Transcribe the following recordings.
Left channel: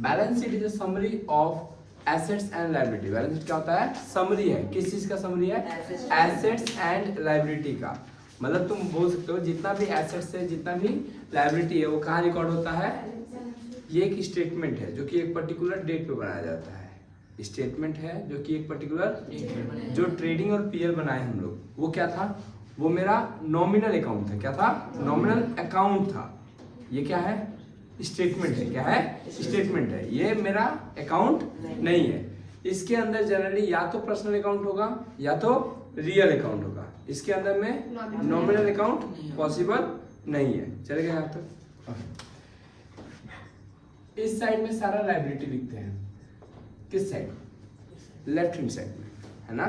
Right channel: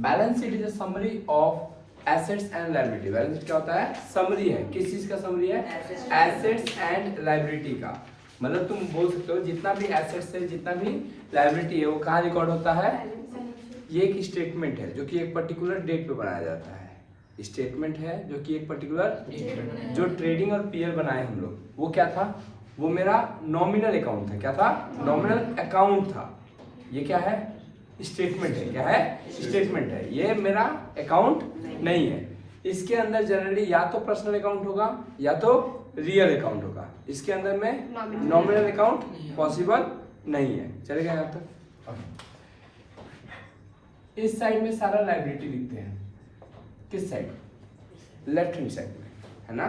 Balance sheet is a summary of assets and liability. Balance sheet क्या होता है? Summary है। किस चीज का समरी है? एसेट्स एंड लायबिलिटी का। मतलब तुम बोल सकते हो जितना भी एसेट्स है, जितना भी लायबिलिटी है, वो कहाँ रिकॉर्ड होता है? ये एक स्टेटमेंट है जो कि एक पर्टिकुलर डेट पे बनाया जाता है। स्टेटमेंट है जो कि एक पर्टिकुलर, जो ट्रेडिंग और पीएल बनाए हम लोग, वो क्या था? वो मेरा नॉमिनल अकाउंट था। क्या था? नॉमिनल अकाउंट था। ये क्या है? स्टेटमेंट है। क्या है? स्टेटमेंट है। ये मेरा अकाउंट नहीं है। इसके अंदर जनरली या तो पर्सनल अकाउंट होगा या तो रियल अकाउंट होगा। इसके अंदर में नॉमिनल अकाउंट पॉसिबल नहीं है। चलेगा यहाँ तक? इस साइड में सारा लायबिलिटी लिखते हैं। किस साइड? लेफ्ट हैंड साइड में, है ना।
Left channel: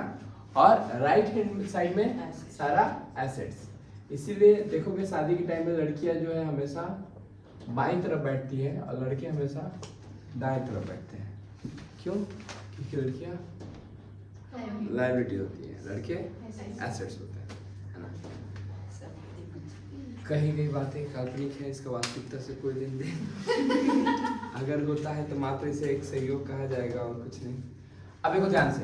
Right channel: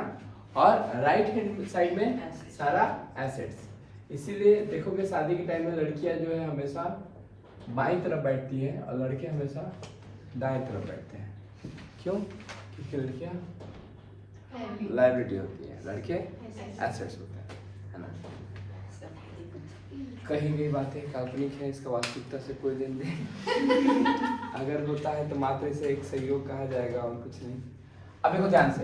और राइट हैंड साइड में सारा एसेट्स। इसीलिए देखोगे शादी के टाइम में लड़कियां जो है हमेशा बाईं तरफ बैठती है और लड़के हमेशा दाएं तरफ बैठते हैं। क्यों? क्योंकि लड़कियां लायबिलिटी होती है, लड़के एसेट्स होते हैं, है ना। कही गई बातें काल्पनिक है, इसका वास्तविकता से कोई लेन देन अगर होता है तो मात्र इसे एक सहयोग कहा जाएगा और कुछ नहीं। अब देखो ध्यान से,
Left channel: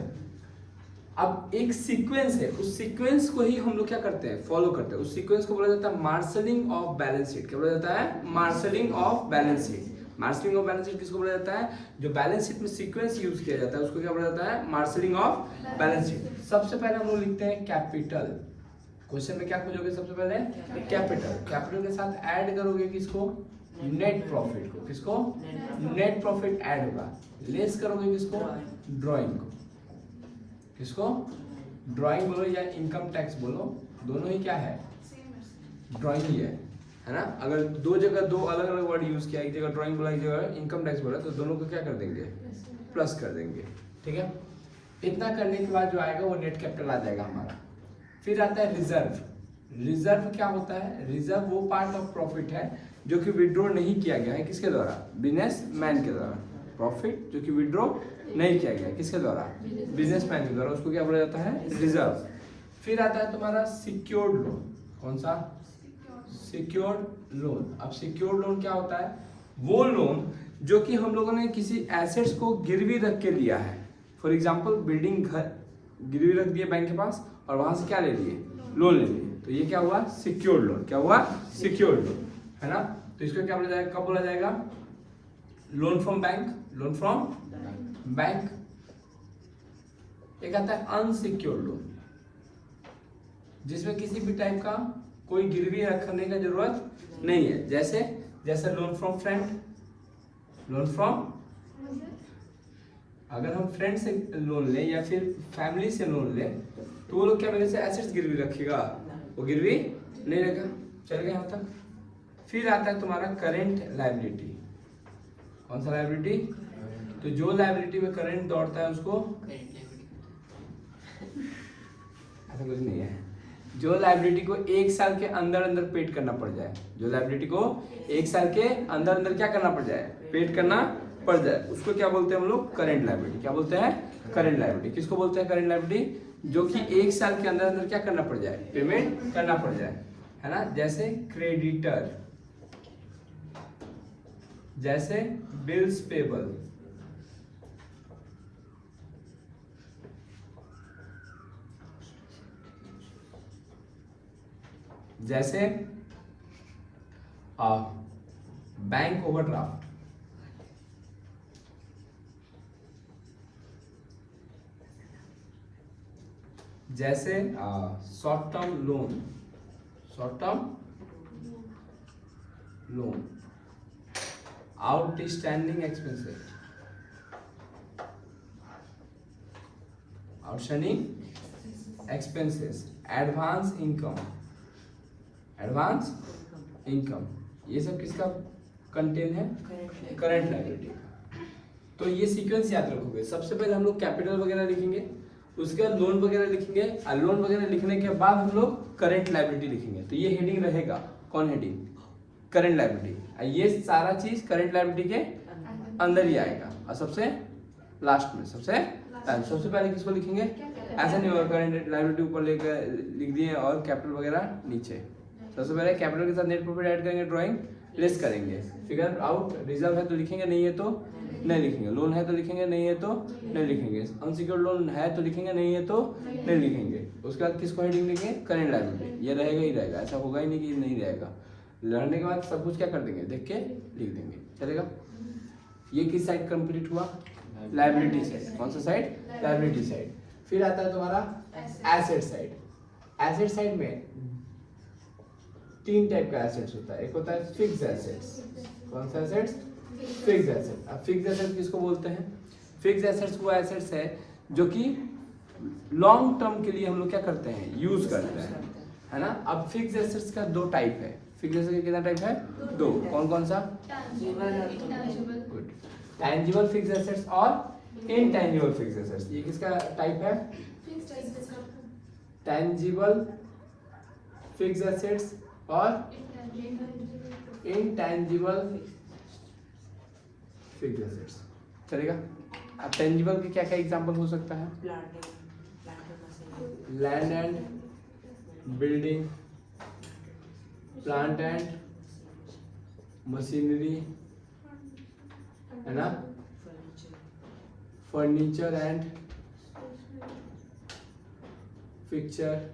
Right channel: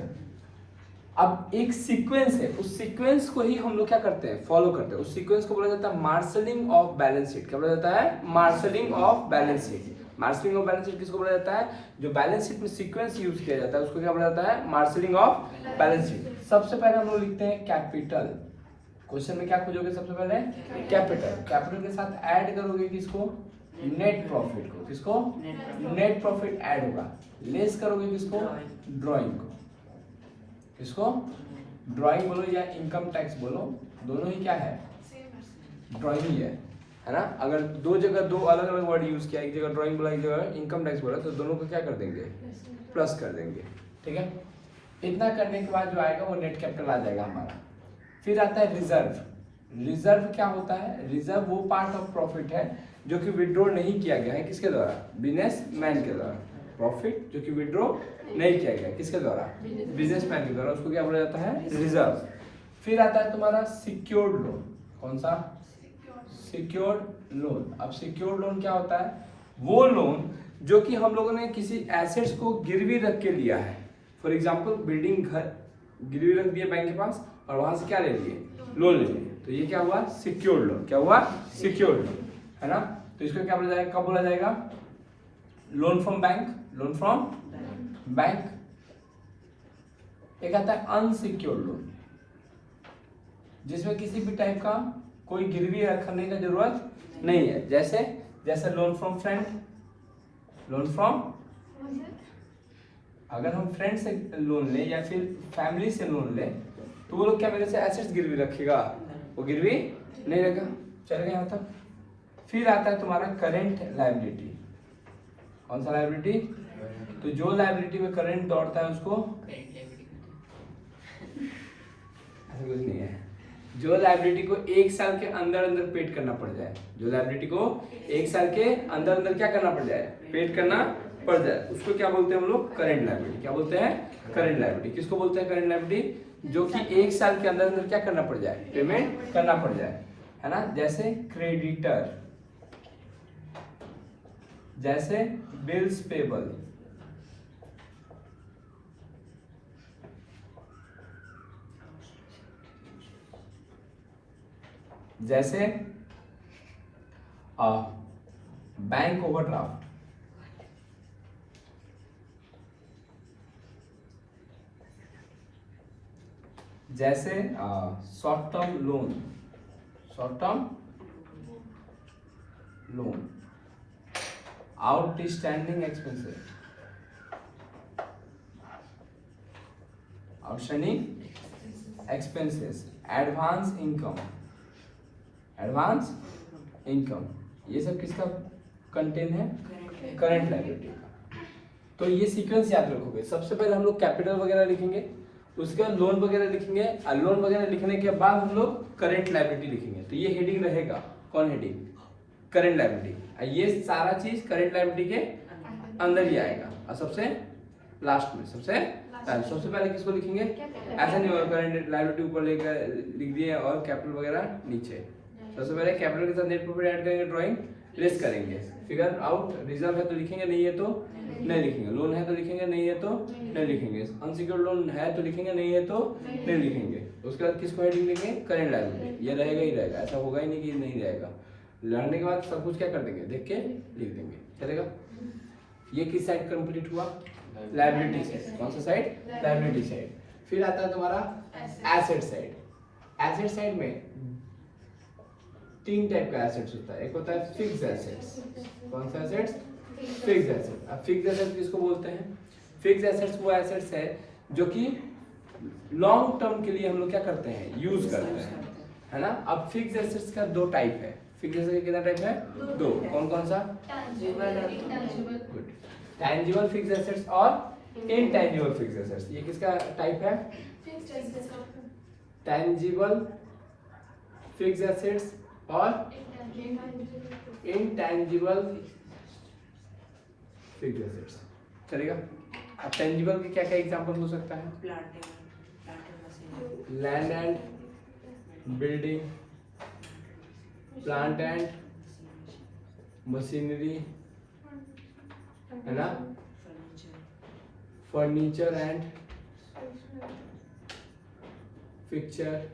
अब एक सीक्वेंस है, उस सीक्वेंस को ही हम लोग क्या करते हैं? फॉलो करते हैं। उस सीक्वेंस को बोला जाता है मार्शलिंग ऑफ बैलेंस शीट। क्या बोला जाता है? Marshalling of balance sheet. Marshalling of balance sheet किसको बोला जाता है? जो बैलेंस शीट में सीक्वेंस यूज किया जाता है उसको क्या बोला जाता है? Marshalling of balance sheet. सबसे पहले हम लोग लिखते हैं कैपिटल। क्वेश्चन में क्या खोजोगे? सबसे पहले कैपिटल। कैपिटल के साथ ऐड करोगे किसको? नेट प्रॉफिट को। किसको? नेट प्रॉफिट ऐड होगा। लेस करोगे किसको? ड्राइंग को। किसको? ड्राइंग बोलो या इनकम टैक्स बोलो, दोनों ही क्या है? ड्राइंग ही है ना। अगर दो जगह दो अलग अलग वर्ड यूज किया, एक जगह ड्राइंग बोला, एक जगह इनकम टैक्स बोला, तो दोनों को क्या कर देंगे? प्लस कर देंगे। ठीक है। इतना करने के बाद जो आएगा वो नेट कैपिटल आ जाएगा हमारा। फिर आता है रिजर्व। रिजर्व क्या होता है? रिजर्व वो पार्ट ऑफ प्रॉफिट है जो कि विड्रॉ नहीं किया गया है। किसके द्वारा? बिजनेसमैन के द्वारा। प्रॉफिट जो कि विड्रॉ नहीं किया गया, किसके द्वारा? बिजनेसमैन के द्वारा। उसको क्या बोला जाता है? रिजर्व। फिर आता है तुम्हारा सिक्योर्ड लोन। कौन सा? Secured loan. अब सिक्योर्ड लोन क्या होता है? वो लोन जो कि हम लोगों ने किसी एसेट्स को गिरवी रख के लिया है। फॉर एग्जाम्पल बिल्डिंग, घर गिरवी रख दिया बैंक के पास और वहां से क्या ले लिए? लोन ले लिए। तो ये क्या हुआ? Secured loan. क्या हुआ? सिक्योर्ड लोन, है ना। तो इसको क्या बोला जाएगा? कब बोला जाएगा? Loan from bank. Loan from bank. एक आता है अनसिक्योर्ड लोन, जिसमें किसी भी टाइप का कोई गिरवी रखने का जरूरत नहीं है। जैसे loan from friend. Loan from, अगर हम फ्रेंड से लोन ले या फिर फैमिली से लोन ले तो वो लोग क्या मेरे से एसेट्स गिरवी रखेगा? वो गिरवी नहीं रखेगा। चलेगा यहाँ तक? फिर आता है तुम्हारा करेंट लायबिलिटी। कौन सा लायबिलिटी? तो जो लायबिलिटी में करंट दौड़ता है उसको, ऐसा कुछ नहीं है, जो लायबिलिटी को एक साल के अंदर अंदर पेड करना पड़ जाए। जो लायबिलिटी को एक साल के अंदर अंदर क्या करना पड़ जाए? पेड करना पड़ जाए, उसको क्या बोलते हैं हम लोग? Current liability. क्या बोलते हैं? Current liability. किसको बोलते हैं करेंट लायबिलिटी? जो कि एक साल के अंदर अंदर क्या करना पड़ जाए? पेमेंट करना पड़ जाए, है ना। जैसे क्रेडिटर, जैसे बिल्स पेबल, जैसे बैंक ओवरड्राफ्ट, जैसे short term loan, short term loan, outstanding expenses, outstanding expenses, advance income, advance income, ये सब किसका कंटेन है? करंट लायबिलिटी का। तो ये सीक्वेंस याद रखोगे। सबसे पहले हम लोग कैपिटल वगैरह लिखेंगे, उसके बाद लोन वगैरह लिखेंगे, और लोन वगैरह लिखने के बाद हम लोग करंट लायबिलिटी लिखेंगे। तो ये हेडिंग रहेगा। कौन हेडिंग? Current liability. ये सारा चीज करंट लायबिलिटी के अंदर ही आएगा। और सबसे लास्ट में, सबसे पहले किसको लिखेंगे? ऐसा नहीं होगा करंट लायबिलिटी ऊपर लेकर लिख दिए और कैपिटल वगैरह नीचे। सबसे पहले कैपिटल के साथ नेट प्रॉफिट ऐड करेंगे ड्राइंग, लेस करेंगे। फिगर आउट, रिजर्व है तो लिखेंगे, नहीं है तो नहीं लिखेंगे, लोन है तो लिखेंगे, नहीं है तो नहीं लिखेंगे, अनसिक्योर्ड लोन है तो लिखेंगे, नहीं है तो नहीं लिखेंगे। उसके बाद किसको हेडिंग लिखेंगे, करेंट लायबिलिटी, ये रहेगा ही रहेगा, ऐसा होगा ही नहीं कि नहीं रहेगा। लड़ने के बाद सब कुछ क्या कर देंगे, देख के लिख देंगे, चलेगा। ये किस साइड कंप्लीट हुआ, लायबिलिटी साइड। कौन सा साइड, लायबिलिटी साइड। फिर आता है तुम्हारा एसेट साइड। एसेट साइड में 3 टाइप का एसेट्स होता है। एक होता है फिक्स्ड एसेट्स। कौन सा एसेट्स, फिक्स्ड एसेट। अब फिक्स्ड एसेट किसको बोलते हैं, फिक्स्ड एसेट्स वो एसेट्स है जो कि लॉन्ग टर्म के लिए हम लोग क्या करते हैं, यूज करते हैं, है ना। अब फिक्स्ड एसेट्स का 2 टाइप है। फिक्स्ड एसेट का कितना टाइप है, 2। कौन कौन सा, गुड, टैंजिबल फिक्स्ड एसेट्स और इनटैंजिबल फिक्स्ड एसेट्स। ये किसका टाइप है, टैंजिबल फिक्स्ड एसेट्स और इनटैंजिबल फिक्स्ड एसेट्स, चलेगा। अब टैंजिबल के क्या क्या एग्जांपल हो सकता है, land and building, plant and machinery, है ना, फर्नीचर एंड फिक्चर।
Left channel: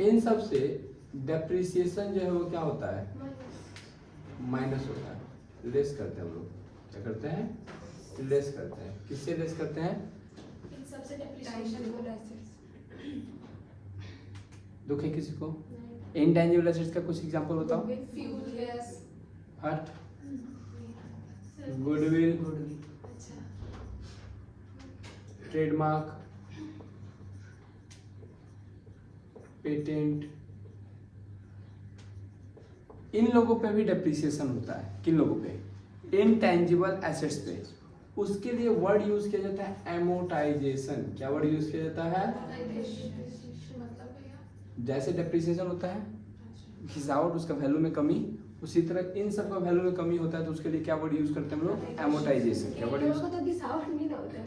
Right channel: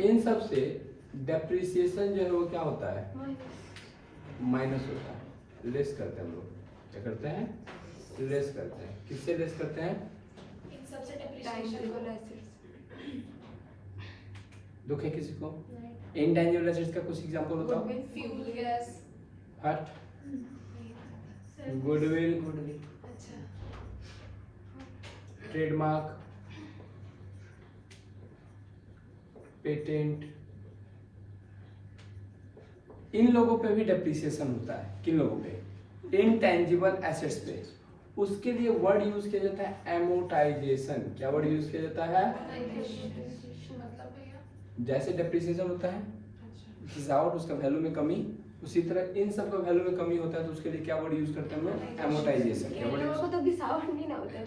इन सब से डेप्रिसिएशन जो है वो क्या होता है, माइनस होता है, लेस करते हैं हम लोग। क्या करते हैं, लेस करते हैं। किससे लेस करते हैं, दुख है किसी को। इनटैंजिबल एसेट्स का कुछ एग्जांपल बताओ, हट, गुडविल, ट्रेडमार्क, पेटेंट। इन लोगों पे भी डेप्रिसिएशन होता है। किन लोगों पे, इनटैंजिबल एसेट्स पे। उसके लिए वर्ड यूज किया जाता है एमोटाइजेशन। क्या वर्ड यूज किया जाता है, जैसे डेप्रिसिएशन होता है घिसावट, उसका वैल्यू में कमी, उसी तरह इन सब का वैल्यू में कमी होता है, तो उसके लिए क्या वर्ड यूज करते हैं हम लोग, एमोटाइजेशन। क्या वर्ड यूज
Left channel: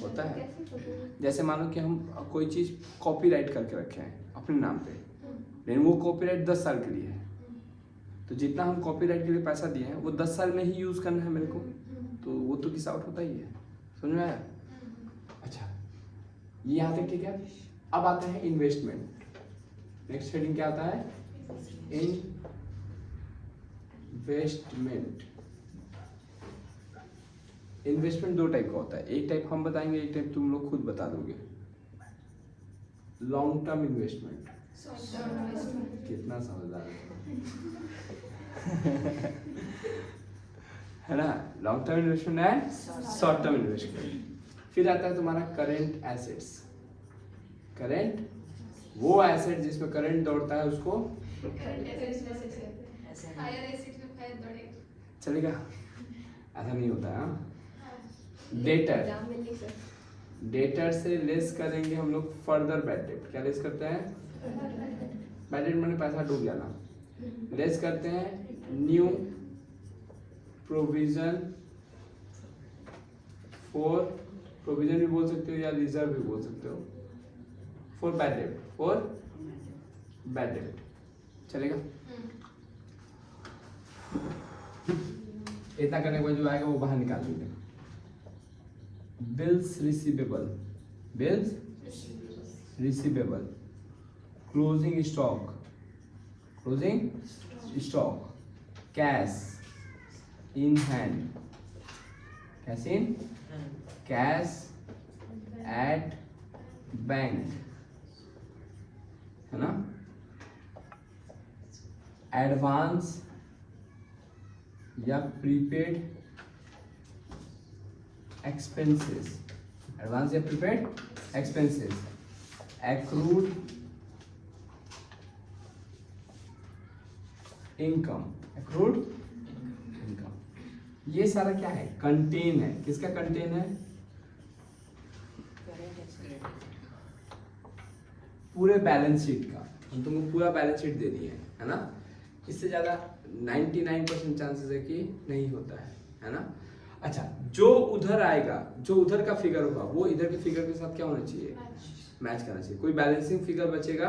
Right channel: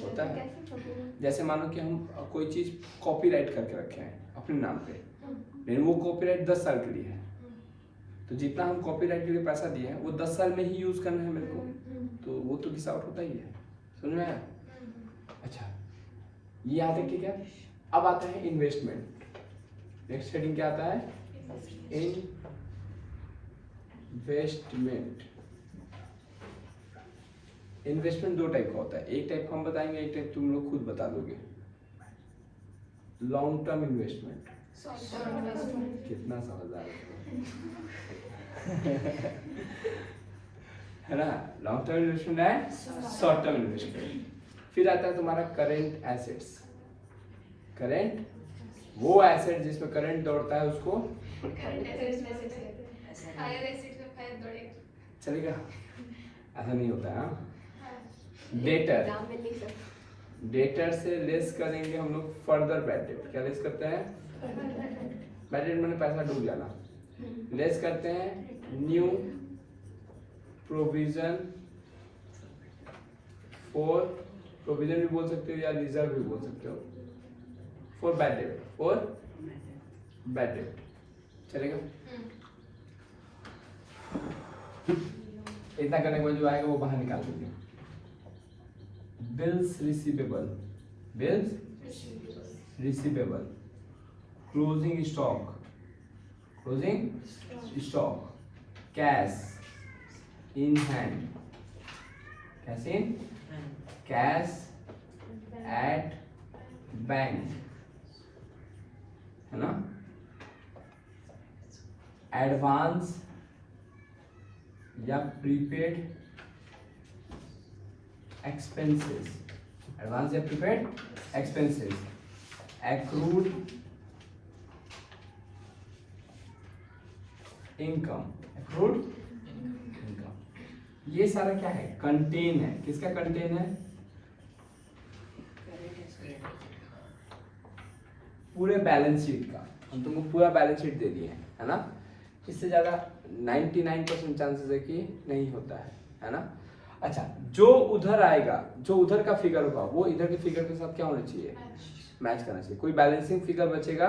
होता है, जैसे मानो कि हम कोई चीज कॉपीराइट करके रखे हैं अपने नाम पे, लेकिन वो कॉपीराइट 10 साल के लिए है, तो जितना हम कॉपीराइट के लिए पैसा दिए हैं वो 10 साल में ही यूज करना है मेरे को, तो वो तो घिसावट होता ही है, समझ में आया। अच्छा, ये याद है, ठीक है। अब आता है इन्वेस्टमेंट। नेक्स्ट हेडिंग क्या आता है, इन्वेस्टमेंट। इन्वेस्टमेंट 2 टाइप का होता है। एक टाइप हम बताएंगे, एक टाइप तुम लोग खुद बता दोगे। लॉन्ग टर्म इन्वेस्टमेंट, कितना समझदार है ना। लॉन्ग टर्म इन्वेस्टमेंट है, शॉर्ट टर्म इन्वेस्टमेंट। फिर आता है तुम्हारा करेंट एसेट्स। करेंट वो एसेट जिसमें करंट दौड़ता है उसको चलेगा, ऐसा नहीं होता है। डेटर, डेटर से लेस करेंगे हम लोग फर्दर बैड डेट। क्या लेस करते हैं, बैड डेट मैंने पैसा डूब जाना। लेस करते हैं न्यू प्रोविजन फॉर, प्रोविजन भी बोल सकते हो या रिजर्व भी बोल सकते हो, for bad debt, for bad debt, चलेगा। इतना करने के बाद जो आएगा वो बाहर निकाल देंगे। Bills receivable, bills receivable, closing stock, closing stock, cash in hand, cash in, cash at bank, है ना, एडवांस या प्रीपेड एक्सपेंसेस, एडवांस या prepaid expenses, accrued income, accrued income. ये सारा क्या है, कंटेन है। किसका कंटेन है, पूरे बैलेंस शीट का। हम तुमको पूरा बैलेंस शीट दे दिए है ना। इससे ज़्यादा 99% चांसेस है कि नहीं होता है ना। अच्छा, जो उधर आएगा, जो उधर का फिगर होगा वो इधर के फिगर के साथ क्या होना चाहिए, मैच करना चाहिए। कोई बैलेंसिंग फिगर बचेगा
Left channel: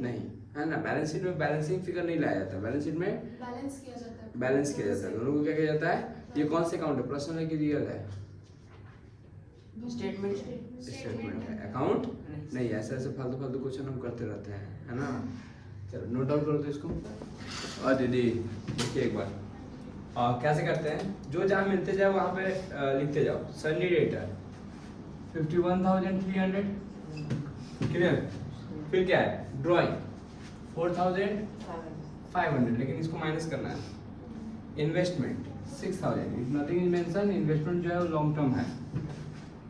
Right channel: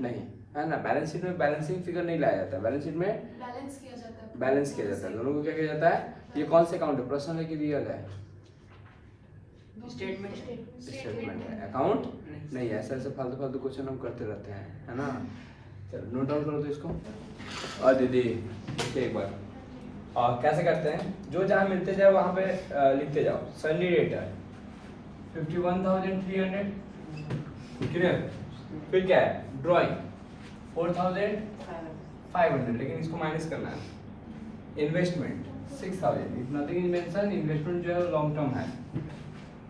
नहीं, है ना। बैलेंस शीट में बैलेंसिंग फिगर नहीं लाया जाता, बैलेंस शीट में बैलेंस किया जाता है। बैलेंस किया जाता है। दोनों को क्या किया जाता है? ये कौन से अकाउंट है, पर्सनल है कि रियल है? स्टेटमेंट है। अकाउंट नहीं है। ऐसे फालतू फालतू क्वेश्चन हम करते रहते हैं, है ना। चलो नोट डाउन करो तो इसको। और दीदी देखिए एक बार कैसे करते हैं, जो जहाँ मिलते जाए वहाँ पे लिखते जाओ। Sunny rater 51,300, clear. फिर क्या है, ड्राइंग 4,500, लेकिन इसको माइनस करना है। Investment 6,000, if nothing is mention, investment जो है वो लॉन्ग टर्म है।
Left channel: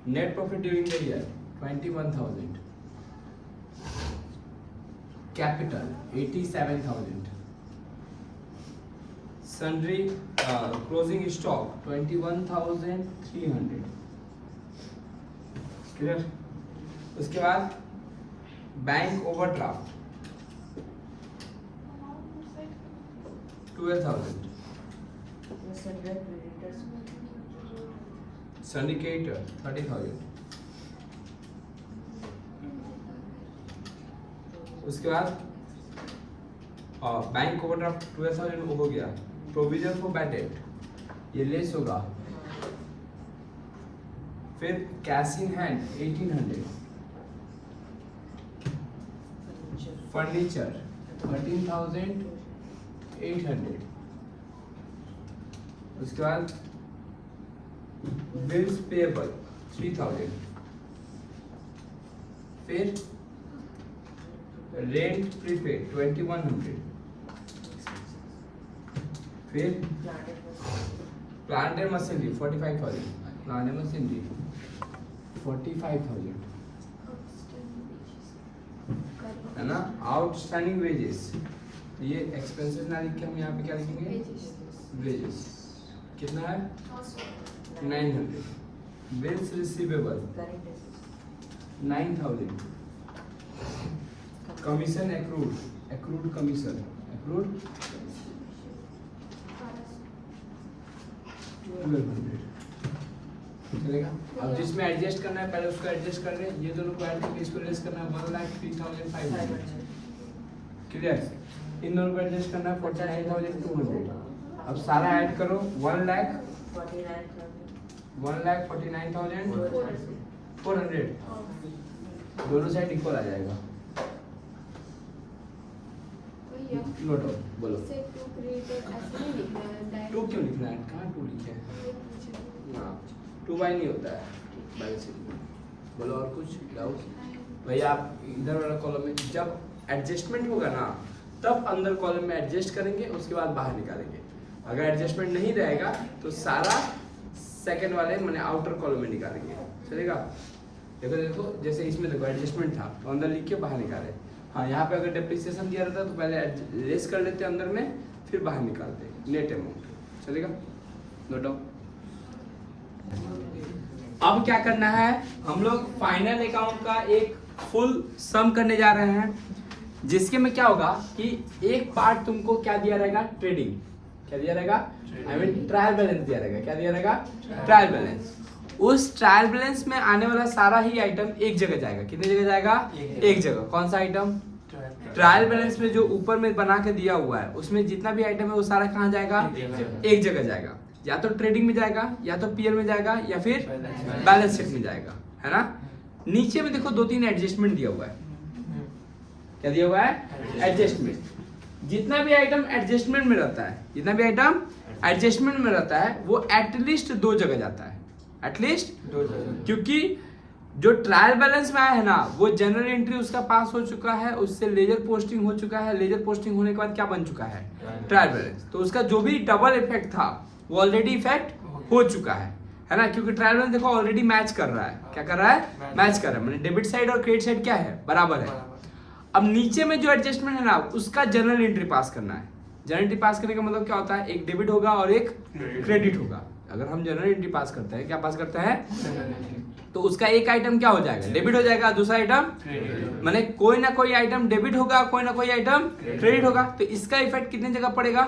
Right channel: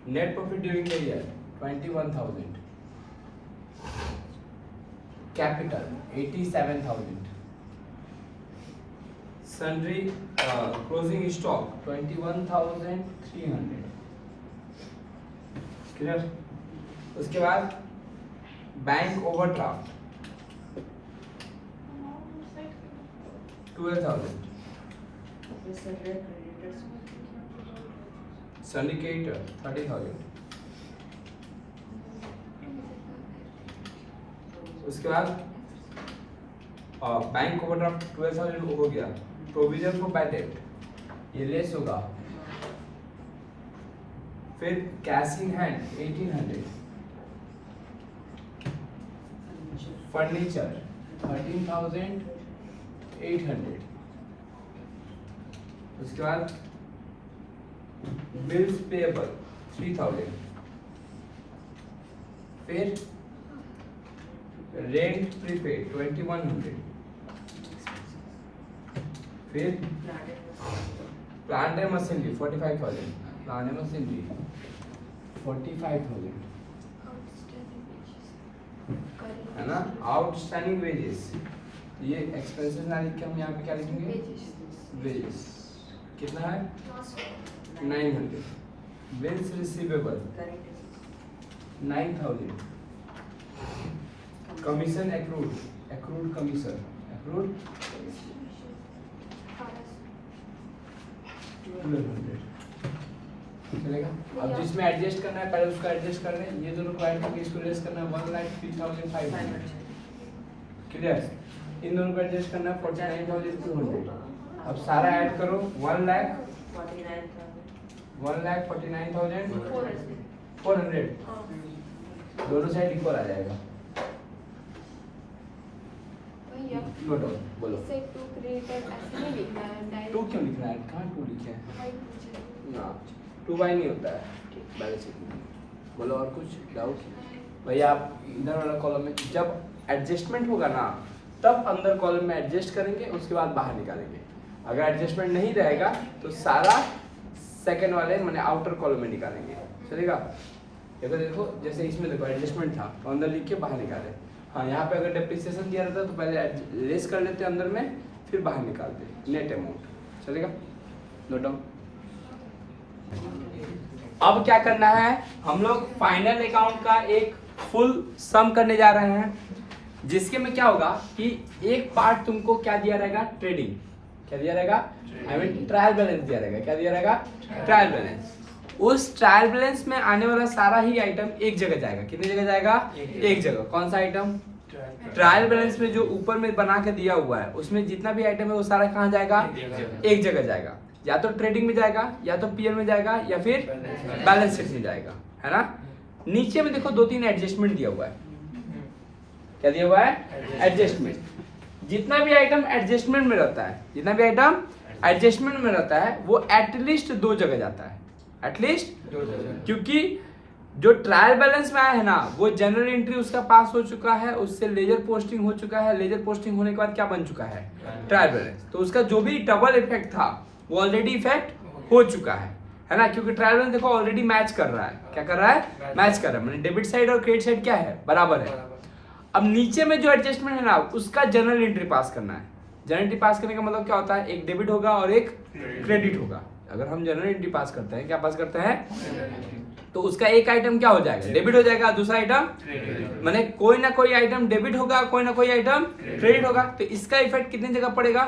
Net profit during the year 21,000, capital 87,000, sundry closing stock 21,300, clear. उसके बाद बैंक ओवरड्राफ्ट 12,000, syndicator 30,000। उसके बाद बैंक ओवरड्राफ्ट 12,000 हो गया। प्रोविजन फॉर बैड डेट ये लेस होगा। फिर कैश इन हैंड 1,800, फर्नीचर 13,800। उसके बाद बिल्स पेएबल 3,000, फिर रेंट प्रीपेड 2,100, फिर plant and machinery 45,000, plant and machinery 45,000, है ना। आउटस्टैंडिंग वेजेस, ये एक्सपेंसेस ना लिख के हम यहाँ पे क्या लिखेंगे, वेजेस कितना है 900। Bills receivable 9,000, commission accrued commission 1,200, चलेगा। अब जिसमें एडजस्ट करना है पहले उसको एडजस्ट कर रहे हैं, ये दोनों को ऐड करके इसको लेस करना है 1,03,500, क्लियर। इन दोनों को एडजस्ट करना है 49,200। अब सारा ऐड करो 1,49,400, दोनों साइड इक्वल आ जाएगा। नोट ऑन बोलो। इसे टू क्रिएटर ऐसे नहीं लिखना है, टू क्यों लिखना है, कहाँ टू लिखे हैं ना, 2 नहीं होता है बैलेंस शीट में। बोलो और कुछ डाउट भैया। आप इधर वाला कॉलम में जब एडजस्टमेंट होगा ना तब अंदर कॉलम में एडजस्ट करेंगे, उसके बाद बाहर निकालेंगे। अगर एडजस्टमेंट नहीं रहेगा तो सारा सेकंड वाले मैंने आउटर कॉलम में निकालेंगे, चलेगा। देखो देखो जैसे इसमें देखो एडजस्टमेंट था तो अंदर लिख के बाहर निकाले। हाँ यहाँ पे अगर डेप्रिसिएशन दिया रहता तो पहले लेस कर लेते अंदर में, फिर बाहर निकालते नेट अमाउंट, चलेगा। Note down. अब क्या करना है, हम लोग फाइनल अकाउंट का एक फुल सम करने जा रहे हैं, जिसके में क्या होगा कि एक पार्ट तुमको क्या दिया रहेगा, ट्रेडिंग। क्या दिया रहेगा, आई मीन ट्रायल बैलेंस दिया रहेगा। क्या दिया रहेगा, ट्रायल बैलेंस। उस ट्रायल बैलेंस में आने वाला सारा ही आइटम एक जगह जाएगा। कितनी जगह जाएगा, एक जगह। कौन सा आइटम, ट्रायल बैलेंस में जो ऊपर में बना के दिया हुआ है उसमें जितना भी आइटम है वो सारा कहाँ जाएगा, एक जगह जाएगा। या तो ट्रेडिंग में जाएगा, या तो पीएल में जाएगा, या फिर बैलेंस शीट में जाएगा, है ना। नीचे में देखो 2-3 एडजस्टमेंट दिया हुआ है। क्या दिया हुआ है, एडजस्टमेंट। जितना भी आइटम एडजस्टमेंट में रहता है, जितना भी आइटम एडजस्टमेंट में रहता है वो एटलीस्ट 2 जगह जाता है, एटलीस्ट 2 जगह। क्योंकि जो ट्रायल बैलेंस में आया है ना वो जनरल एंट्री उसका पास हो चुका है, उससे लेजर पोस्टिंग हो चुका है। लेजर पोस्टिंग होने के बाद क्या बन चुका है, ट्रायल बैलेंस। तो उसका जो भी डबल इफेक्ट था वो ऑलरेडी इफेक्ट हो चुका है ना। क्योंकि ट्रायल बैलेंस देखो ऑलरेडी मैच कर रहा है। क्या कर रहा है, मैच कर रहा है। मैंने डेबिट साइड और क्रेडिट साइड क्या है, बराबर है। अब नीचे में जो एडजस्टमेंट है ना उसका जनरल एंट्री पास करना है। जनरल एंट्री पास करने का मतलब क्या होता है, एक डेबिट होगा और एक क्रेडिट होगा। अगर हम जनरल एंट्री पास करते हैं, क्या पास करते हैं, तो उसका एक आइटम क्या हो जाएगा, डेबिट हो जाएगा, दूसरा आइटम माने कोई ना कोई आइटम डेबिट होगा, कोई ना कोई आइटम क्रेडिट होगा। तो इसका इफेक्ट कितने जगह पड़ेगा,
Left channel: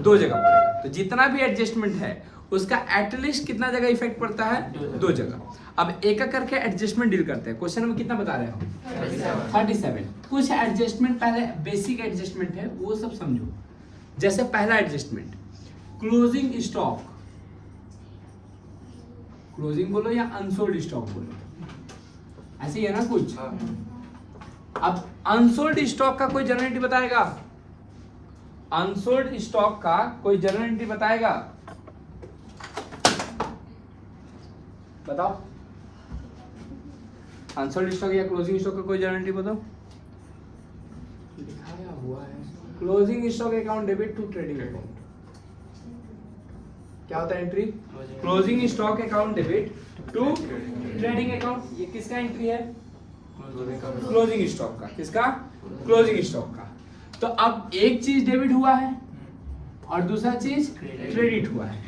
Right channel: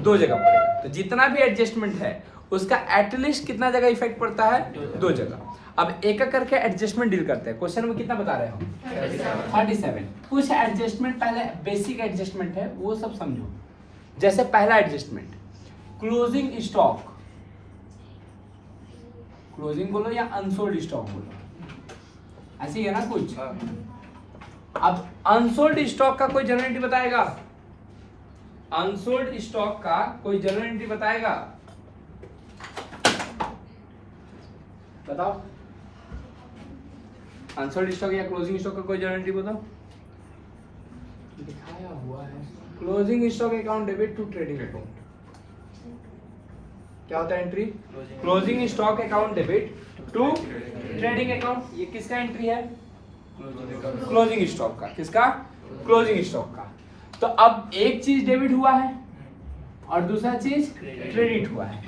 2 जगह पड़ेगा। तो जितना भी एडजस्टमेंट है उसका एटलीस्ट कितना जगह इफेक्ट पड़ता है? 2 जगह। अब एक एक करके एडजस्टमेंट डील करते हैं। क्वेश्चन में कितना बता रहे हो? 37। कुछ एडजस्टमेंट पहले बेसिक एडजस्टमेंट है वो सब समझो। जैसे पहला एडजस्टमेंट क्लोजिंग स्टॉक, क्लोजिंग बोलो या अनसोल्ड स्टॉक बोलो, ऐसी है ना कुछ। अब अनसोल्ड स्टॉक का कोई जनरल एंट्री बताएगा? अनसोल्ड स्टॉक का कोई जनरल एंट्री बताएगा? बताओ। अनसोल्ड स्टॉक या क्लोजिंग स्टॉक का कोई जनरल एंट्री बताओ। दिखाया हुआ है closing stock account debit to trading account. क्या होता है entry? Closing stock account debit to trading account. ये किसका एंट्री है? क्लोजिंग स्टॉक का। किसका? क्लोजिंग स्टॉक का। तो अब एक चीज डेबिट हुआ है और दूसरा चीज क्रेडिट हुआ है।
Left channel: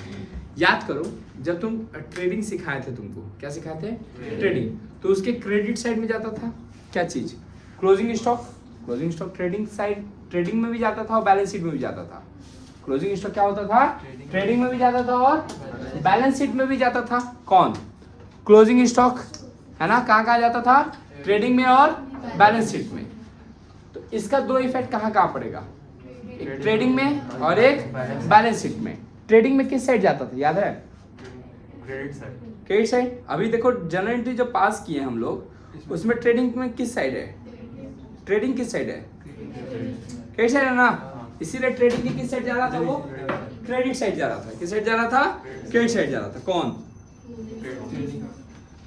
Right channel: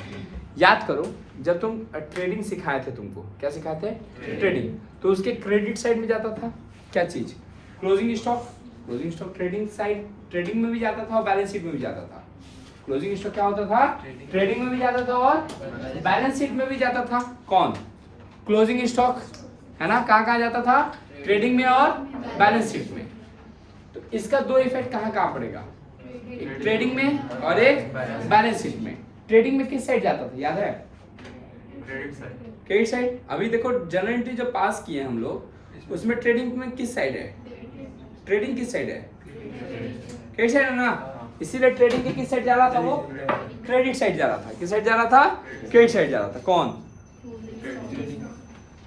याद करो जब तुम ट्रेडिंग सिखाए थे, तुमको क्या सिखाए थे? ट्रेडिंग। तो उसके क्रेडिट साइड में जाता था क्या चीज? Closing stock. Closing stock trading side, trading में भी जाता था और बैलेंस शीट में भी जाता था। क्लोजिंग स्टॉक क्या होता था? ट्रेडिंग में भी जाता था और बैलेंस शीट में भी जाता था। कौन? क्लोजिंग स्टॉक, है ना। कहाँ कहाँ जाता था? ट्रेडिंग में और बैलेंस शीट में। तो इसका 2 इफेक्ट कहाँ कहाँ पड़ेगा? एक ट्रेडिंग में और एक बैलेंस शीट में। ट्रेडिंग में किस साइड जाता था, याद है? Credit side. अभी देखो जनरल एंट्री जो पास किए हम लोग, उसमें ट्रेडिंग में किस साइड है? ट्रेडिंग किस साइड है? क्रेडिट साइड है ना। इसीलिए ट्रेडिंग की किस साइड जा रहा था? वो क्रेडिट साइड जा रहा था। किस साइड जा रहा था? क्रेडिट साइड जा रहा था। कौन?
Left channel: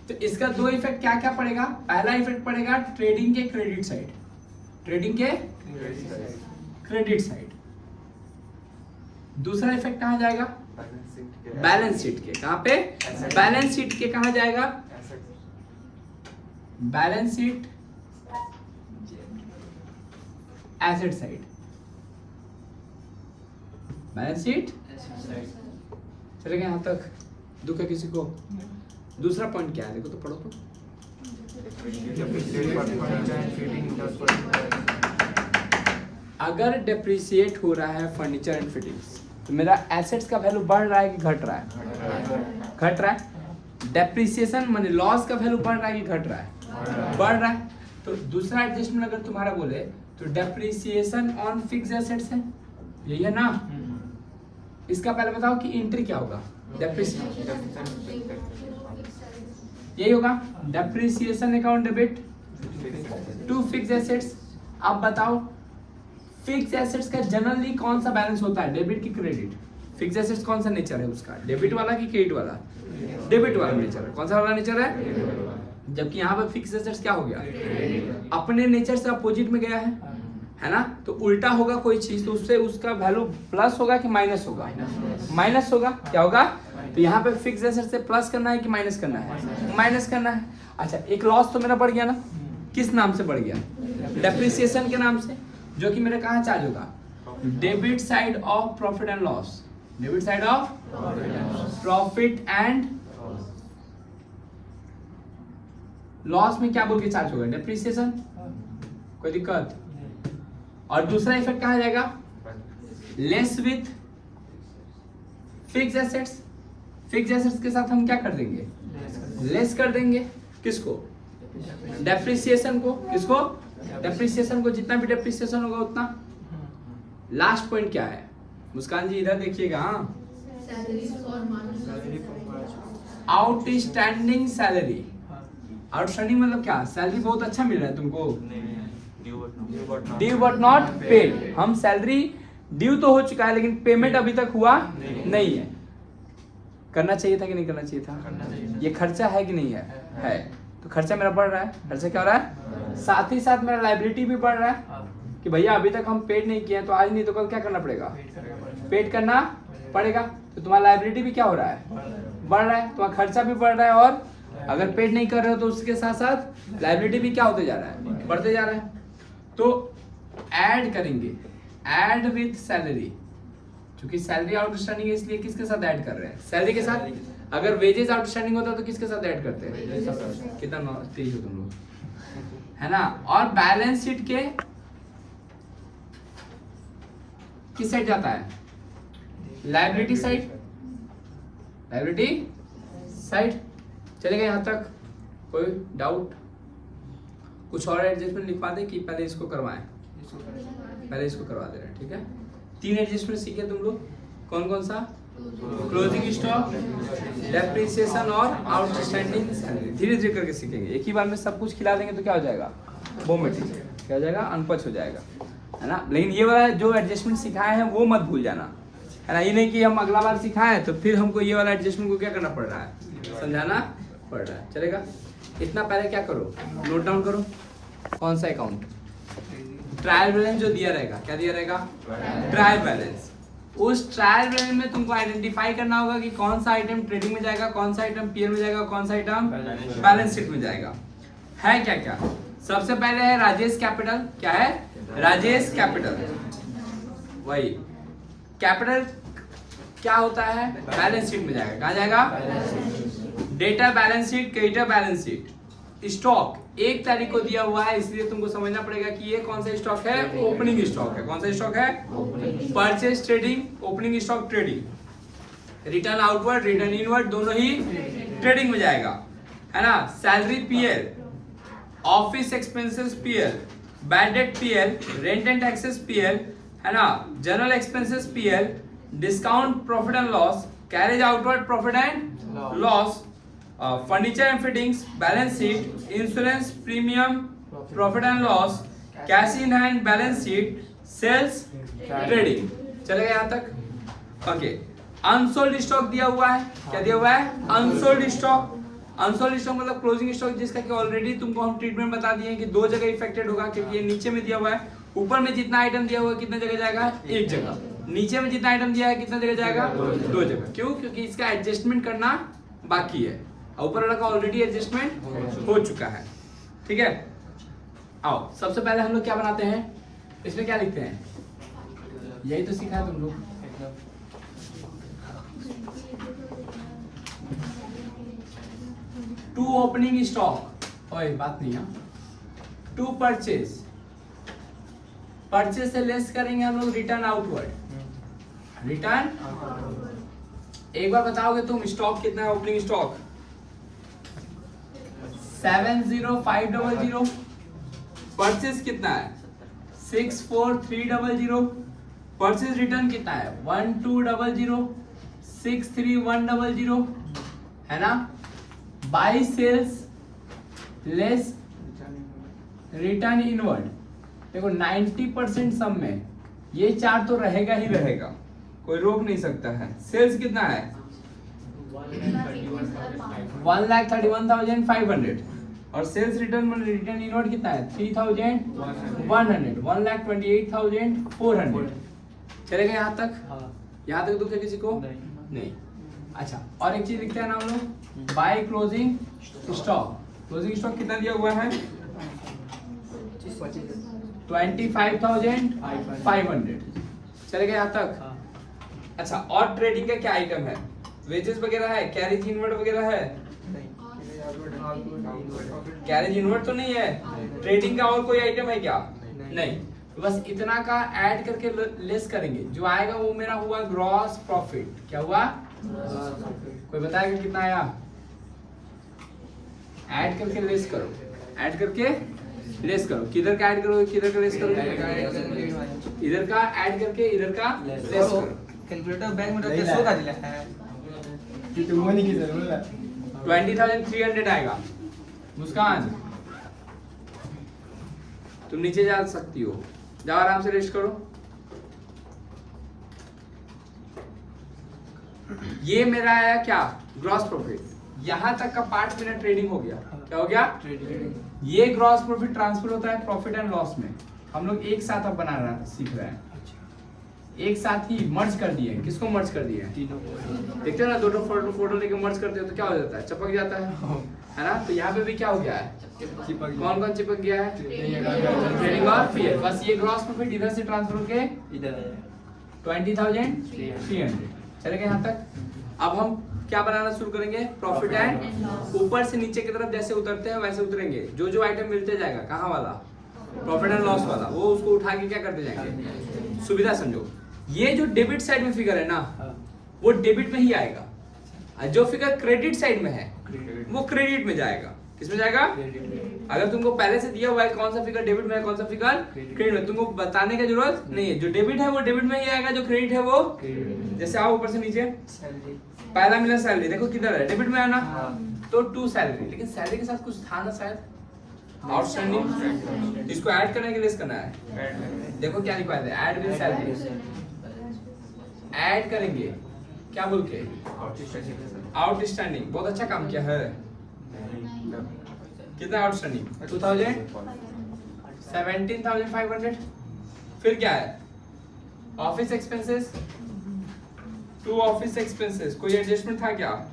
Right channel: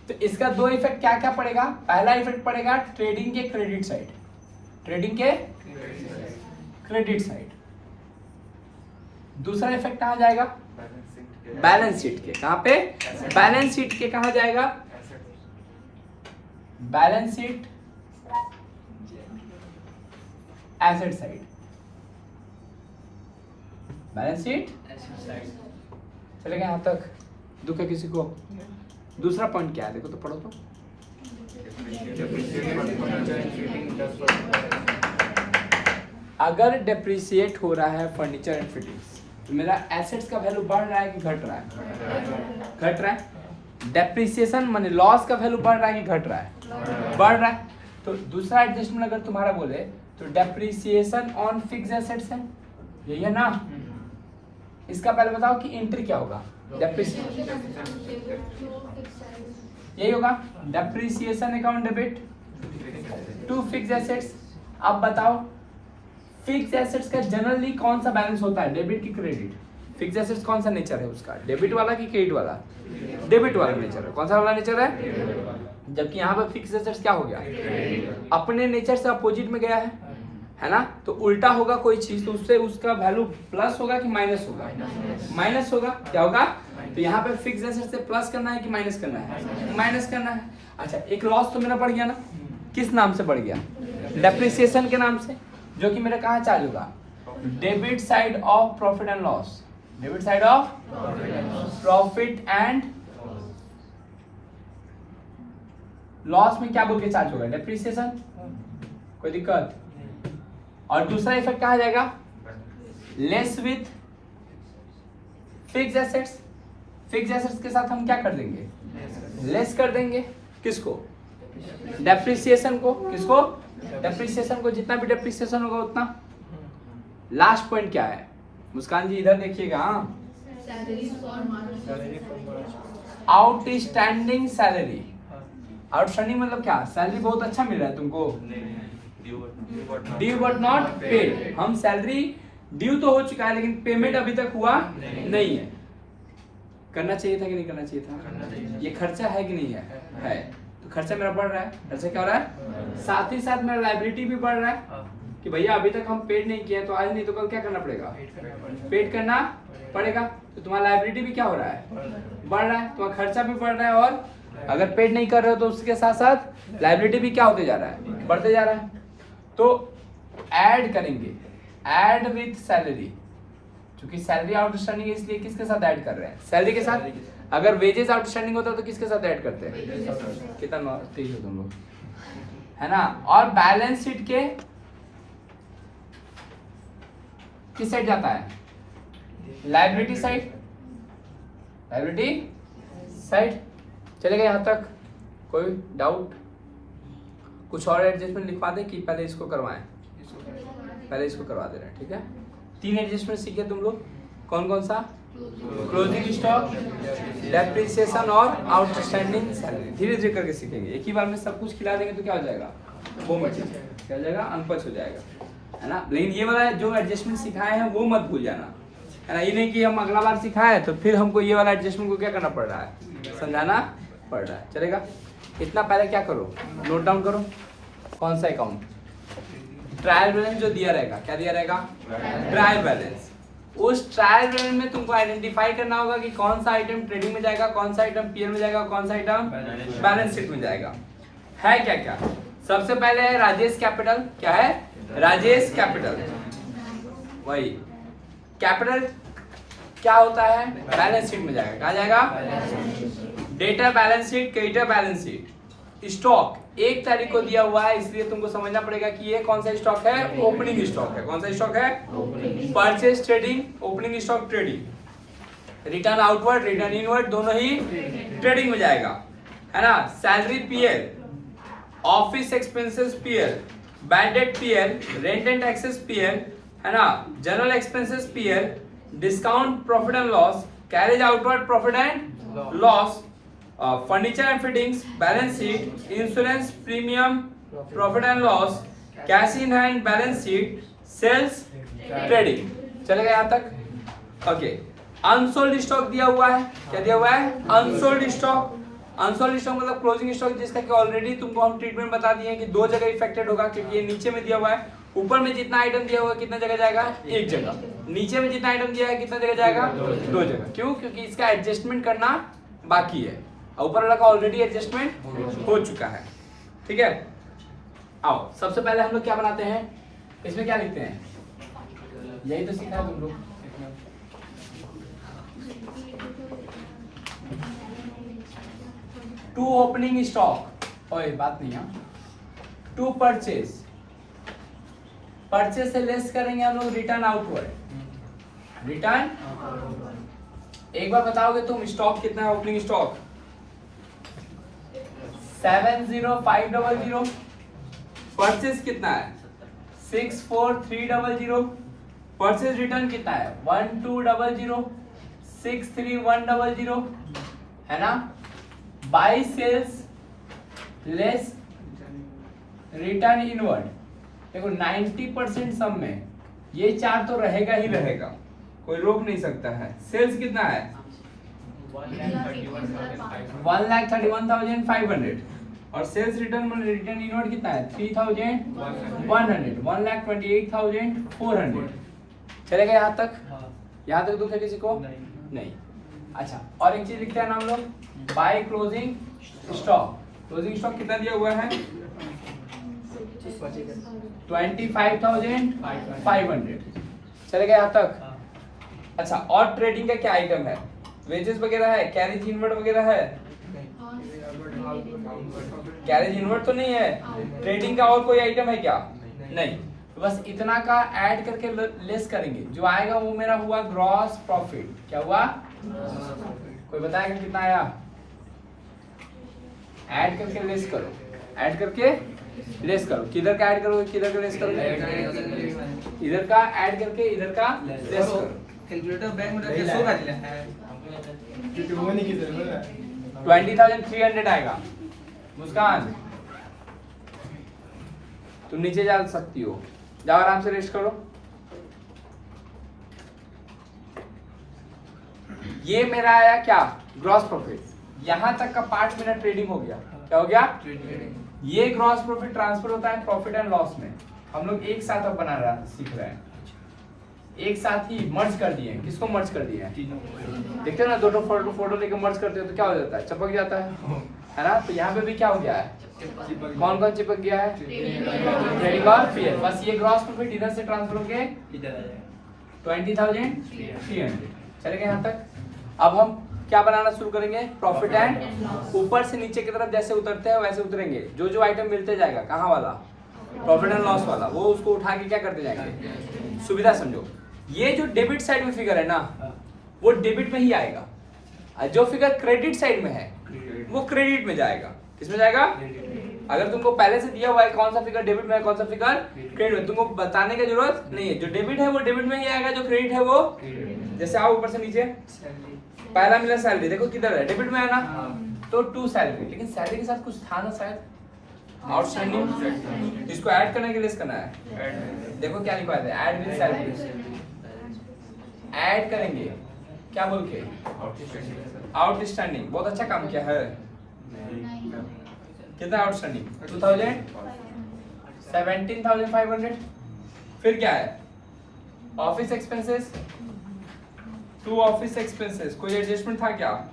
तो इसका 2 इफेक्ट क्या क्या पड़ेगा? पहला इफेक्ट पड़ेगा ट्रेडिंग के क्रेडिट साइड, ट्रेडिंग के क्रेडिट साइड। दूसरा इफेक्ट कहां जाएगा? बैलेंस शीट के। कहां पे? बैलेंस शीट के। कहां जाएगा? Balance sheet asset side. Balance sheet चलेगा यहां तक? दुख है किसी को? दूसरा पॉइंट क्या है देखो तो, पढ़ो तो। अगर डेप्रिसिएट हो रहा है फर्नीचर एंड फिटिंग्स तो मेरा एसेट्स का वैल्यू बढ़ रहा है कि घट रहा है? घट रहा है। डेप्रिसिएशन माने लॉस का वैल्यू बढ़ रहा है कि घट रहा है? बढ़ रहा है। तो दूसरा एडजस्टमेंट अगर तुम्हारा बोले तो डेप्रिसिएशन ऑन फिक्स्ड एसेट्स है, यही है ना। इसका पहले बताओ कि एंट्री क्या होगा? यही होगा। Depreciation account debit to fixed assets. अब बताओ फिक्स्ड एसेट्स का जनरली कौन सा बैलेंस होता है? डेबिट की क्रेडिट? फिक्स्ड एसेट्स कौन सा नेचर है उसका? डेबिट वाला कि क्रेडिट वाला? डेबिट वाला नेचर है। कौन सा वाला नेचर है? जबकि यहाँ पर फिक्स्ड एसेट्स क्या हो गया? अपने नेचर से अपोजिट में गया है ना। तो उल्टा होगा कोई चीज तो उससे उसका वैल्यू प्लस होगा कि माइनस होगा? माइनस होगा। क्या होगा? तो यहाँ पे फिक्स्ड एसेट से प्लस करना है कि माइनस करना है? माइनस करना है। अच्छा, एक लॉस तो मेरा बढ़ गया ना। किस नाम से बढ़ गया? डेप्रिसिएशन के नाम से, जो कि मेरा कहाँ चार्ज होगा? Debit side of profit and loss. Debit side of profit and loss में क्या बोल के चार्ज होगा? डेप्रिसिएशन। कोई दिक्कत? और दूसरा इफेक्ट कहाँ जाएगा? Less with fixed assets. Fixed assets के साथ हम क्या कर देंगे? लेस कर देंगे। किसको? डेप्रिसिएशन को। किसको? डेप्रिसिएशन को। जितना भी डेप्रिसिएशन होगा उतना। लास्ट पॉइंट क्या है? मुस्कान जी इधर देखिएगा। Outstanding salary. आउटस्टैंडिंग मतलब क्या? सैलरी बहुत अच्छा मिल रहा है तुमको, ड्यू बट नॉट पेड। हम सैलरी ड्यू तो हो चुका है लेकिन पेमेंट अभी तक हुआ नहीं है। करना चाहिए था कि नहीं करना चाहिए था? ये खर्चा है कि नहीं है? तो खर्चा मेरा बढ़ रहा है। खर्चा क्या हो रहा है? साथ ही साथ मेरा लायबिलिटी भी बढ़ रहा है कि भैया अभी तक हम पेड नहीं किए तो आज नहीं तो कल क्या करना पड़ेगा? पेड करना पड़ेगा। तो तुम्हारा लायबिलिटी भी क्या हो रहा है? बढ़ रहा है। तुम्हारा खर्चा भी बढ़ रहा है और अगर पेड नहीं कर रहे हो तो उसके साथ साथ लायबिलिटी भी क्या होते जा रहा है? बढ़ते जा रहा है। तो ऐड करेंगे, ऐड विथ सैलरी। क्योंकि सैलरी आउटस्टैंडिंग है इसलिए किसके साथ ऐड कर रहे हैं? सैलरी के साथ। अगर वेजेस आउटस्टैंडिंग होता तो किसके साथ ऐड करते हैं? कितना तेज हो तुम लोग, है ना। और बैलेंस शीट के किस साइड जाता है? Liability side. Liability side. चलेगा यहाँ तक? कोई डाउट? कुछ और एडजस्टमेंट लिखवा दें कि पहले इसको करवाएं? पहले इसको करवा दे रहे हैं, ठीक है। 3 एडजस्टमेंट सीखे तुम लोग, कौन कौन सा? क्लोजिंग स्टॉक, डेप्रिसिएशन और आउटस्टैंडिंग सैलरी। धीरे धीरे करके सीखेंगे, एक ही बार में सब कुछ खिला देंगे तो क्या हो जाएगा? बोमट क्या हो जाएगा? अनपच हो जाएगा, है ना। लेकिन ये वाला जो एडजस्टमेंट सिखाए हैं वो मत भूल जाना, है ना। ये नहीं कि हम अगला बार सिखाए तो फिर हमको ये वाला एडजस्टमेंट को क्या करना पड़ रहा है? समझाना पड़ रहा है। चलेगा? इतना पहले क्या करो, नोट डाउन करो। कौन सा अकाउंट? ट्रायल बैलेंस जो दिया रहेगा, क्या दिया रहेगा? Trial balance. उस ट्रायल बैलेंस में तुमको आइडेंटिफाई करना होगा कि कौन सा आइटम ट्रेडिंग में जाएगा, कौन सा आइटम पीएल में जाएगा, कौन सा आइटम बैलेंस शीट में जाएगा। है क्या क्या? सबसे पहले है राजेश कैपिटल। क्या है? राजेश कैपिटल। वही कैपिटल क्या होता है? बैलेंस शीट में जाएगा। कहाँ जाएगा? Data balance sheet, creditor balance sheet. Stock 1 तारीख को दिया हुआ है, इसलिए तुमको समझना पड़ेगा कि ये कौन सा स्टॉक है? ओपनिंग स्टॉक है। कौन सा स्टॉक है? Purchase trading, opening stock trading. Return outward, return inward दोनों ही ट्रेडिंग में जाएगा, है ना। Salary PL, office expenses PL, bad debt PL, rent and taxes PL, है ना। General expenses PL, discount profit and loss, carriage outward profit and loss, furniture and fittings balance sheet, insurance premium profit and loss, cash in hand balance sheet, sales trading. चलेगा यहाँ तक? Okay. Unsold stock दिया हुआ है। क्या दिया हुआ है? Unsold stock. अनसोल्ड स्टॉक मतलब क्लोजिंग स्टॉक जिसका कि ऑलरेडी तुमको हम ट्रीटमेंट बता दिए हैं कि 2 जगह इफेक्टेड होगा, क्योंकि ये नीचे में दिया हुआ है। ऊपर में जितना आइटम दिया हुआ है कितना जगह जाएगा? 1 जगह। नीचे में जितना आइटम दिया है कितना जगह जाएगा? 2 जगह। क्यों? क्योंकि इसका एडजस्टमेंट करना बाकी है, ऊपर वाला का ऑलरेडी एडजस्टमेंट हो चुका है, ठीक है। आओ सबसे पहले हम लोग क्या बनाते हैं, इसमें क्या लिखते हैं? यही तो सीखा है तुम लोग। टू ओपनिंग स्टॉक, ओए बात नहीं है। टू परचेज, परचेज से लेस करेंगे हम लोग रिटर्न आउटवर्ड। रिटर्न एक बार बताओगे तुम, स्टॉक कितना है? Opening stock 70500। परचेज कितना है? 64300। परचेज रिटर्न कितना है? 1200, 63100, है ना। By sales less return inward. देखो 90% सम में ये 4 तो रहेगा ही रहेगा, कोई रोक नहीं सकता है। सेल्स कितना है? 1,31,500 और सेल्स रिटर्न रिटर्न इनवर्ड कितना है? 3,100, 1,28,400। चलेगा यहाँ तक? यहाँ तक दुख है किसी को? नहीं। अच्छा, और एक चीज लिखते हैं ना हम लोग, by closing stock. Closing stock कितना दिया हुआ है? 25,500। चलेगा यहाँ तक? अच्छा, और ट्रेडिंग का क्या आइटम है? वेजेस वगैरह है, कैरेज इनवर्ड वगैरह है? कैरेज इनवर्ड तो नहीं है। ट्रेडिंग का और कोई आइटम है क्या? नहीं। तो बस इतना का ऐड करके लेस करेंगे, जो आएगा वो मेरा हुआ ग्रॉस प्रॉफिट। क्या हुआ? कोई बताएगा कितना आया? ऐड करके लेस करो, ऐड करके लेस करो। किधर का ऐड करोगे, किधर का लेस करोगे? इधर का ऐड करके इधर का लेस करो। कैलकुलेटर बैंक में तो शो कर दिया है कि वो नहीं की जरूरत है। 20,300 आएगा। मुस्कान तुम नीचे जा सकती हो, जाओ आराम से रेस्ट करो। ये मेरा आया क्या? Gross profit. यहां तक का पार्ट मेरा ट्रेडिंग हो गया। क्या हो गया? ये ग्रॉस प्रॉफिट ट्रांसफर होता है प्रॉफिट एंड लॉस में। हम लोग एक साथ अब बना रहा सीख रहे हैं, एक साथ ही मर्ज कर दिए। किसको मर्ज कर दिया है? देखते हो ना, दो फोटो लेके मर्ज करते हो तो क्या हो जाता है? चिपक जाता है ना। तो यहाँ पे भी क्या हो गया है? कौन कौन चिपक गया है? ट्रेडिंग और पीएल। बस ये ग्रॉस प्रॉफिट इधर से ट्रांसफर होके 20,300। चलेगा यहाँ तक? अब हम क्या बनाना शुरू करेंगे? प्रॉफिट एंड, ऊपर से नीचे की तरफ जैसे उतरते हैं वैसे उतरेंगे। जो जो आइटम मिलते जाएगा, कहाँ वाला? प्रॉफिट एंड लॉस वाला, वो उसको उठा के क्या करते जाएंगे? सुविधा समझो। ये जो डेबिट साइड में फिगर है ना, वो डेबिट में ही आएगा। जो फिगर क्रेडिट साइड में है वो क्रेडिट में जाएगा। किसमें जाएगा? अगर तुमको पहले से दिया हुआ है कौन सा फिगर डेबिट में है, कौन सा फिगर क्रेडिट में, तुमको बताने की जरूरत नहीं है। जो डेबिट है वो डेबिट में ही आएगा, जो क्रेडिट है वो जैसे आओ ऊपर से नीचे, पहला मिला सैलरी, देखो किधर है, डेबिट में है ना, तो टू सैलरी। लेकिन सैलरी के साथ कुछ था ना शायद आउटस्टैंडिंग, इसको ऐड करने के लिए करना है। देखो क्या लिखा है, ऐड विद सैलरी, ऐड करेंगे क्या बोल के, आउटस्टैंडिंग। बहुत अच्छा काम किया है। कितना आउटस्टैंडिंग? 2000, 17,500। फिर क्या है? Office expenses, to office expenses. कोई एडजस्टमेंट था क्या?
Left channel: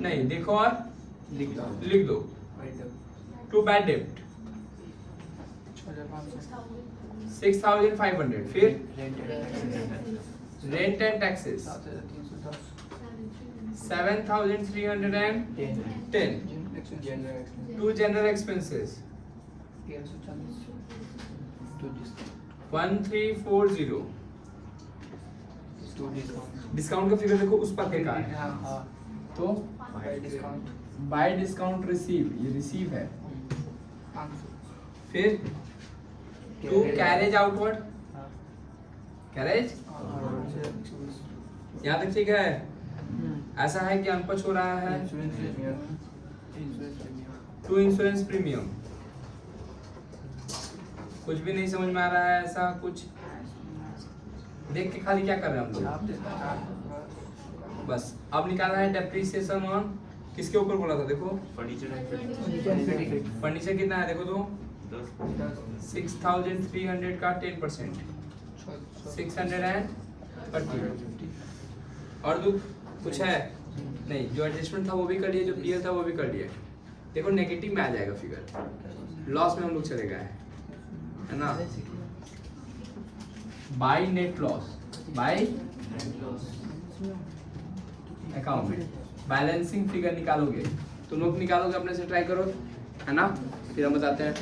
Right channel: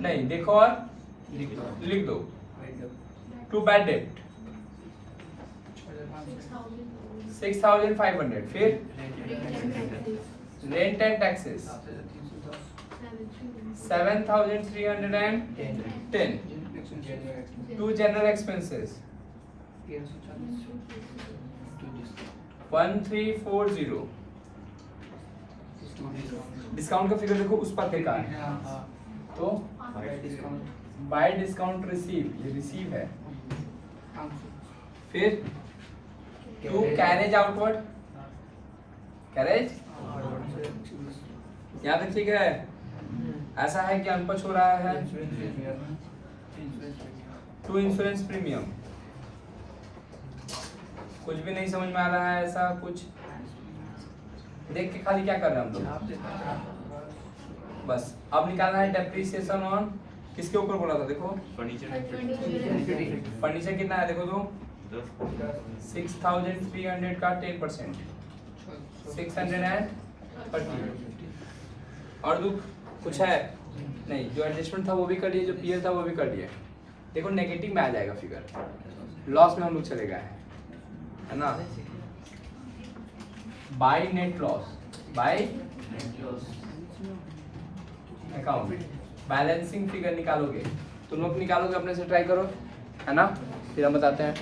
नहीं। देखो और लिख दो। टू बैड डेब्ट 6,500। फिर rent and taxes 7,310। To general expenses 1340। Discount का फिगर देखो उस पर क्या है, तो बाय डिस्काउंट रिसीव, ये रिसीव है। फिर टू कैरेज आउटवर्ड, कैरेज यहाँ तक ठीक है। ऐसा है कि अनपच हो रहा है। टू इंश्योरेंस प्रीमियम, कुछ भी नहीं समझ में आ रहा है, ऐसा कुछ देख के खाली क्या कर रहे हैं हम लोग, बस। अब निकालना है डेप्रिसिएशन ऑन, किसके ऊपर बोला था देखो, फर्नीचर कितना है देखो तो 6,300 का 10%, 630। और दुख कुछ है नहीं, जो एडजस्टमेंट था वो भी कर लिया, जो पीएल था वो भी कर लिया। देखो नेगेटिव में आ जाएगा फिगर, लॉस में हम लोग चले गए हैं, है ना। By net loss, bye account, balancing figure निकालोगे, तुम लोग निकालोगे अपने से, ट्राई करो, है ना। फिर हम बताते हैं।